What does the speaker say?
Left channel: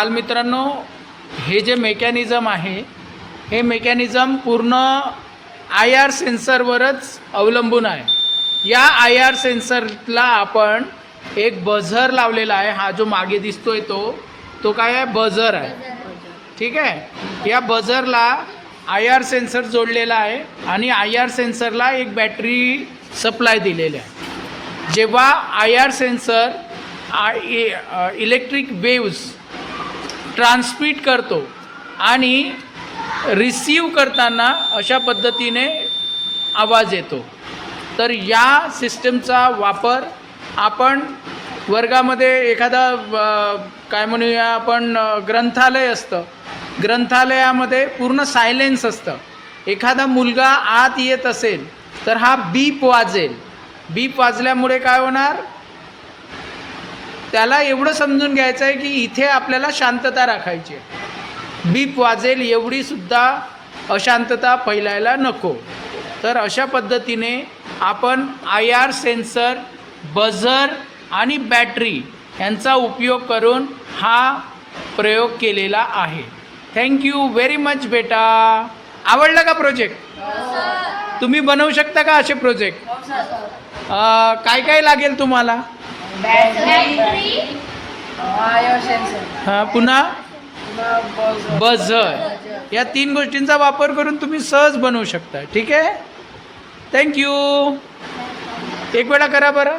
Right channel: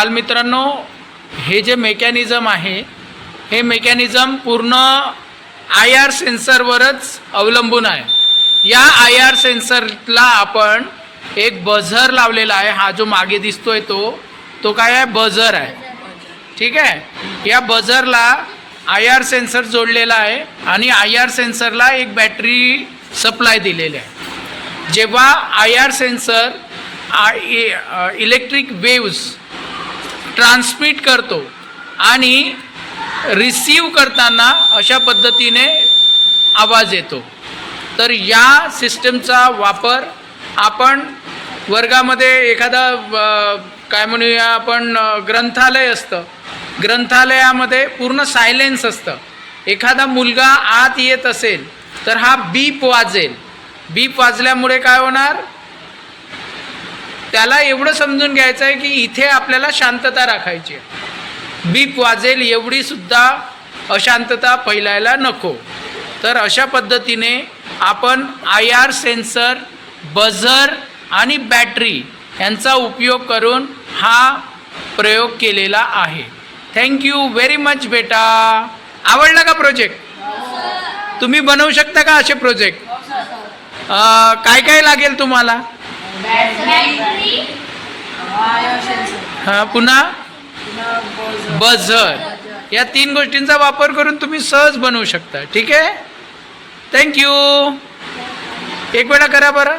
बालमित्रांनो, हे जे मेकॅनिझम आहे हे मेकॅनिझम पूर्ण IR सेन्सरवरच अवलंबून आहे. या IR सेन्सरला आपण एक बझर लावलेला आहे. हा जो मागे दिसतोय तो काय आहे? बझर आहे. ठीक आहे. या बझरला IR सेन्सर जोडलेला आहे आणि IR सेन्सरला एक बॅटरी सप्लाय दिलेली आहे. जेव्हा IR sensor electric waves transmit करतो आणि रिसीव करताना अशा पद्धतीने आवाज येतो. तर या सिस्टमचा वापर आपण वर्गामध्ये एखादा काय म्हणूया आपण ग्रंथालय असतं, ग्रंथालयामध्ये पूर्ण सायलेन्स असतं. एखादा मुलगा आत येत असेल तर हा बीप वाजेल. बीप वाजल्यामुळे काय होणार? त्याला एवढं समजून घ्यायचं आहे की इथे आपल्याला शांतता राखायची आहे. बीप वाजेल एवढीसुद्धा अशांतता फैलायला नको. तर अशा पद्धतीने आपण IR सेन्सर, बझर आणि बॅटरी यांचा उपयोग करून हा प्रयोग केलेला आहे. थँक्यू व्हेरी मच बेटा. आवडला का प्रोजेक्ट? तुम्ही बनवू शकता का असे प्रोजेक्ट? काय काय लागेल तुम्हाला? हां, पुन्हा बझर. या 3 गोष्टींचा वापर करून तुम्ही सहज बनवू शकता. ठीक आहे. थँक्यू. एक वेळा करा बरं.